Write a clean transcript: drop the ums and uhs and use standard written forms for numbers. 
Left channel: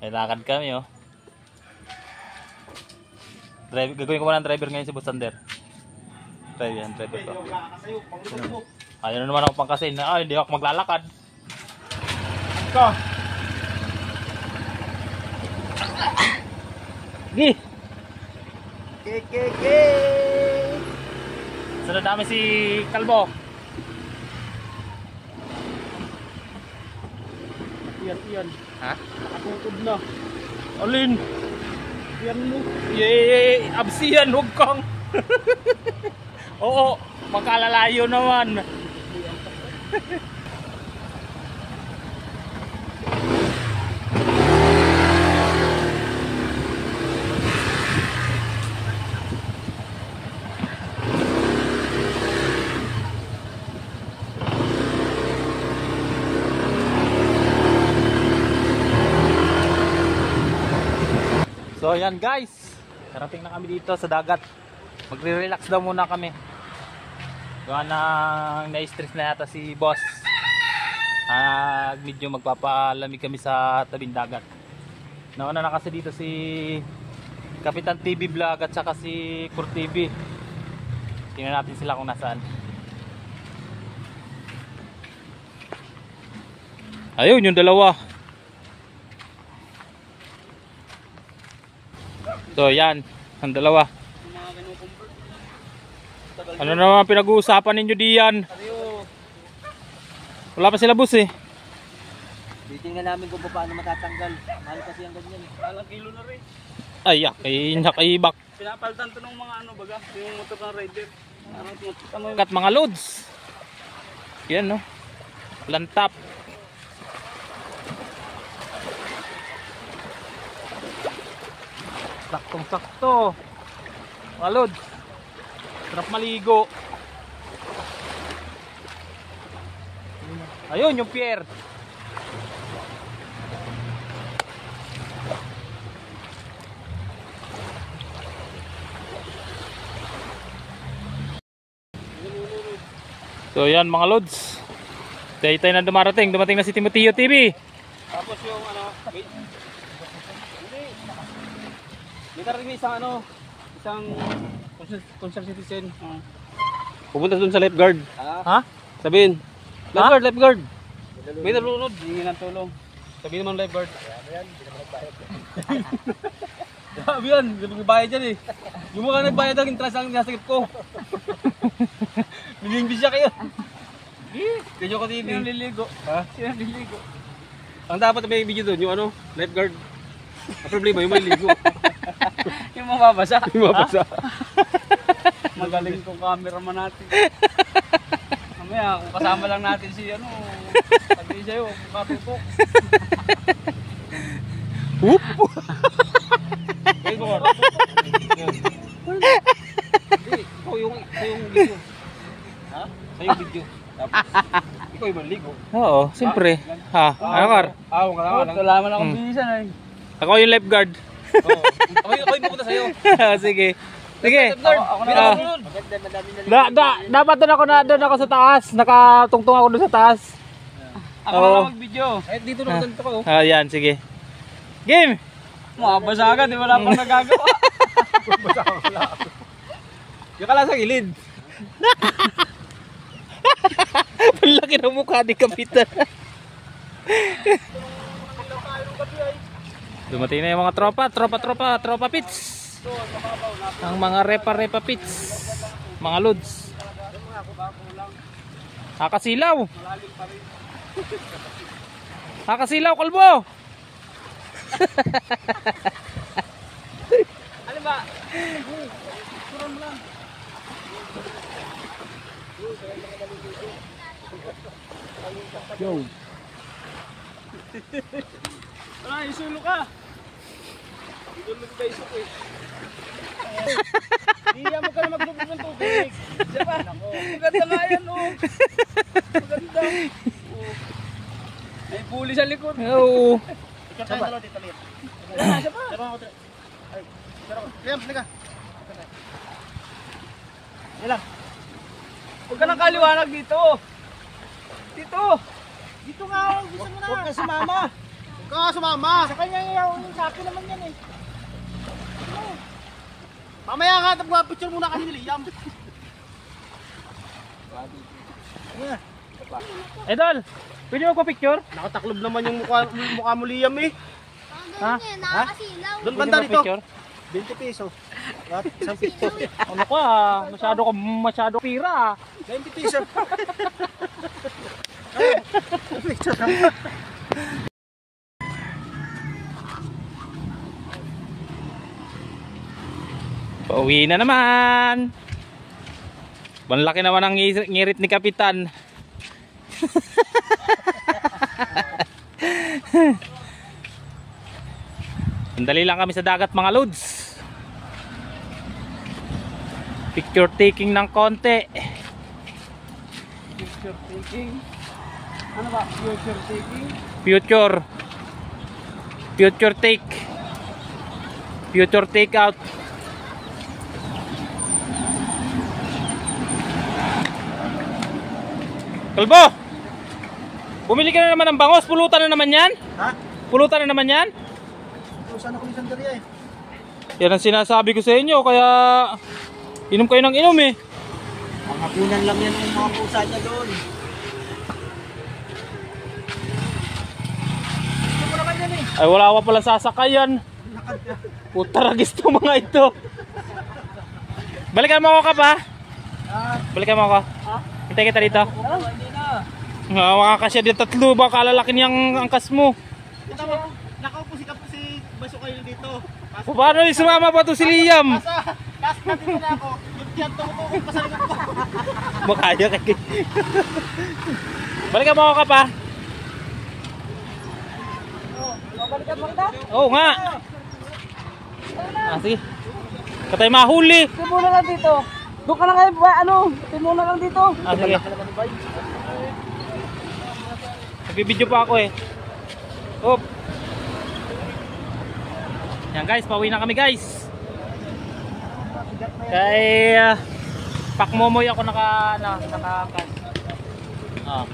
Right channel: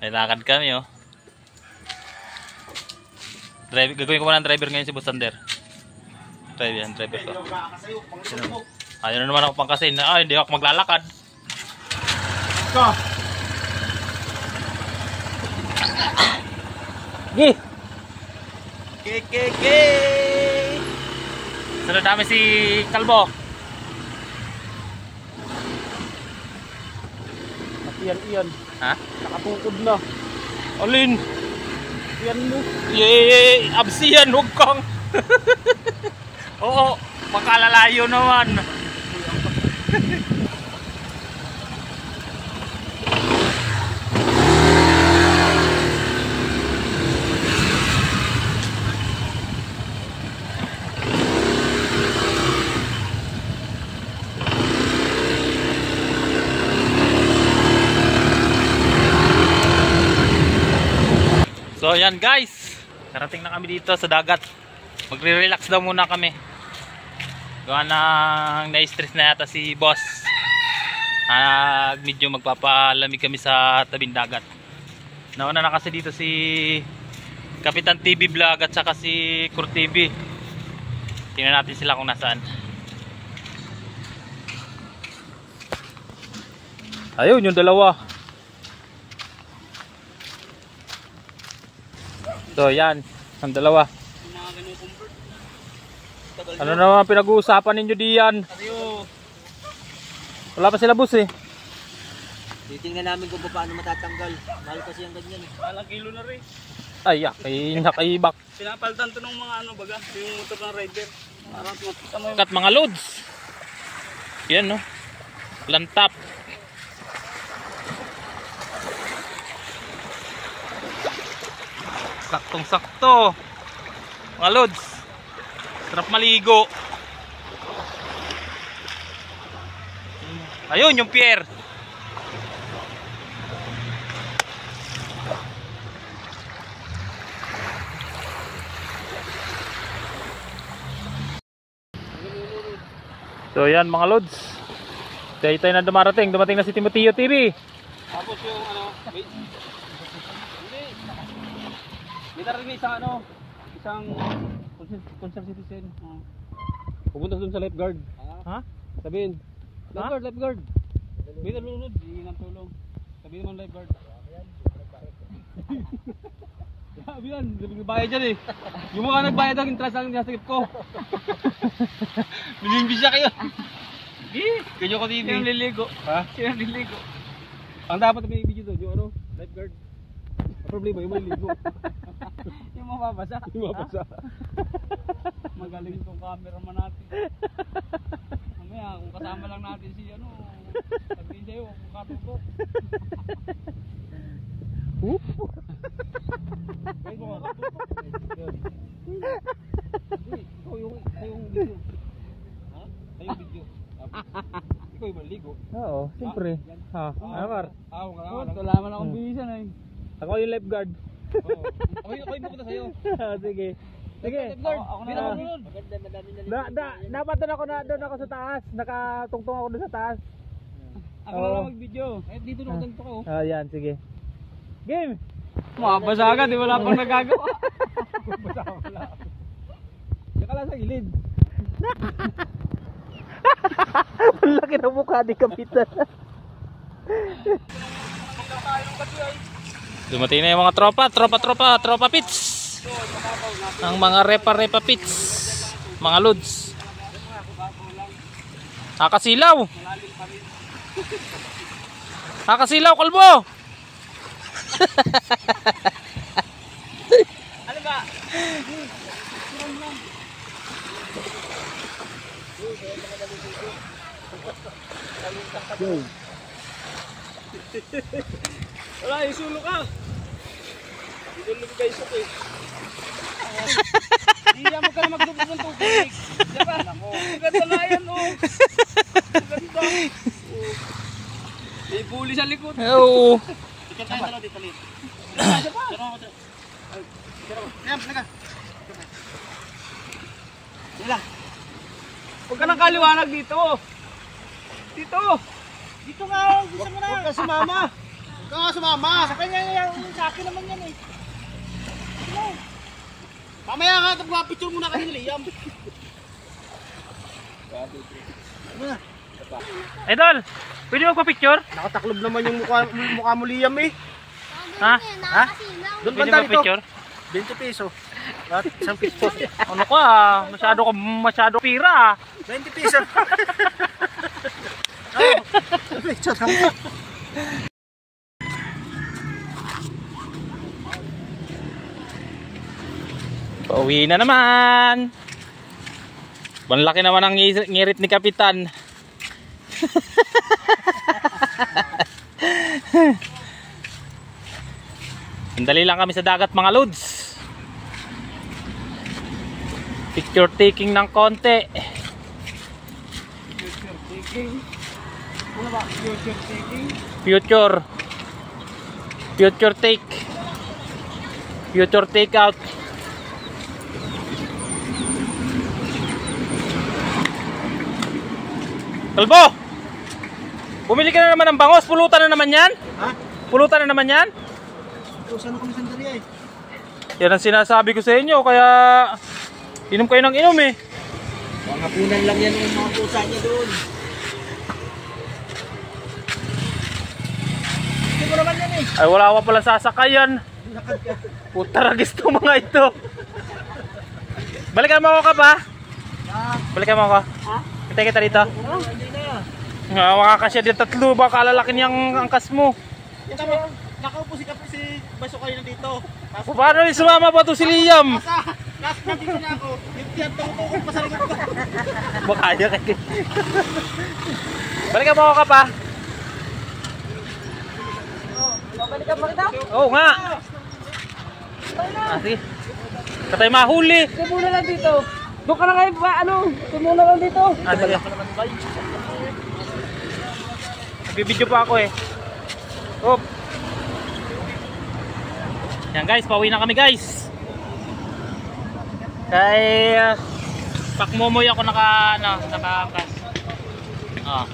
May lakad kami oh. Gagawin ko muna ng driver ngayon si Busander. Driver ko. Ayun na naman ako pangkasin. Hindi ako maglalakad. Go! Gi! Ke! Sunod namin si Kalbo. Iyan. Ha? Nakatukod na. Alin? Iyan mo. Yay! Absiyan, huwag kang. Oo, makalalayo naman. So yan guys, karating na kami dito sa dagat. Magre-relax daw muna kami. Gawa nang na-stress na yata si boss. Medyo magpapalamig kami sa tabing dagat. Nauna na kasi dito si Kapitan TV Vlog at saka si Kur TV. Tingnan natin sila kung nasaan. Ayun yung dalawa. So yan, ang dalawa. Ano naman pinag-uusapan ninyo diyan? Wala pa sila bus eh. Titingnan namin kung paano matatanggal. Mahal kasi ang ganyan. Alang kilo na rin. Ay, nakaibak. Pinapalitan to ng mga ano baga, yung motor ng rider. Kat mga loads. Yan no. Lantap. Saktong-sakto. Mga loads. Sarap maligo. Ayun yung pier. So yan mga loads. Kaya tayo na dumating na si Timoteo TV. Tapos yung ano, may karating isang concerned citizen. Pupunta doon sa lifeguard. Ha? Sabihin, lifeguard. May nalunod, hingi ng tulong. Sabihin naman lifeguard. Grabe yan, nagbayad dyan eh. Yung mga nagbayad ang interest ang nasakit ko. Biling-bis siya kayo. Ganyan ko TV. Sino liligo? Ha? Sino liligo? Ang dapat may video doon, yung ano, lifeguard. Ang problema, yung may ligo. Yung mababasa. Yung mabasa. Magaling kong cameraman natin. Mamaya, kung kasama lang natin si ano, sabihin sa'yo, katupok. Whoop! Kayo mo ka. Hindi, ikaw yung video. Ha? Sa yung video. Tapos, ikaw yung maligo. Oo, siyempre. Ha? Ano kar? Wala man akong bilisan eh. Ako yung lifeguard. Oo. Ako yung pupunta sa'yo. Sige. Sige. Ako na lang. Dapat doon ako sa taas. Nakatungtong ako doon sa taas. Ako na lang mag-video. Eh, dito na ganito ka oh. Yan, sige. Game! Mabasa agad, wala pang nagagawa. Yung ka lang sa gilid. Ang laki ng mukha ni Kapitan. Dumating na yung mga tropa pits. Ang mga repa pits. Mga loads. Nakasilaw, Kalbo. Ano ba? Wala, isulo ka. Isulo ka isok eh. Hindi mo ka na magbubog ng tubig. Diba? Maganda nga yan oh. Maganda. May buli sa likod. Oo. Ikaw tayo dalawa dito lit. Huwag ka nang kaliwanag dito. Dito. Dito nga. Gusto mo na. Huwag ka sumama. Ikaw nga sumama. Sa kanya yung sa akin naman yan eh. Mamaya nga, picture muna kasi ni Liam. Idol, pwede magpa-picture? Nakataklob naman yung mukha mo Liam eh. Ha? Ha? Doon Pwede banda dito. magpa-picture? 20 piso. At isang piso. Ano ka? Masyado pira. 20 piso. Picture lang. Pauwi na naman. Banlaki naman ang ngirit ni Kapitan. Sandali lang kami sa dagat mga lods. Picture taking ng konti. Ano ba? Future taking? Future take. Future take out. Kalbo! Bumili ka na naman ng bangos. Pulutan na naman yan. Ha? Pulutan na naman yan. Usan ako ng sandali eh. Yan ang sinasabi ko sa inyo. Kaya inom kayo ng inom eh. Mga punan lang yan yung mga pusa niya doon. Ito naman yan eh. Ay wala pa pala sasakayan. Putaragis to mga ito. Balikan mo ako ka pa. Balikan mo ako. Ha? Hintay kita dito. Hindi na. Nga makakasya din tatlo. Baka lalaki niyang angkas mo. Ito mo, nakaupo si Kapi si Baso kayo dito. Paano yung sumama pa to si Liam? Nasa dito na ako. Yung tiyan tumutukod pa sa likod ko. Makaya kay. Balikan mo ako ka pa. Balikan mo kita? Oo nga. Sige. Katay mahuli. Tumula lang dito. Doon ka na kayo, tumula lang dito. Sige. Nagbibideo pa ako eh. Hop. Yan guys, pauwi na kami guys. Kay pakmomoy ako nakaangkas. Ah.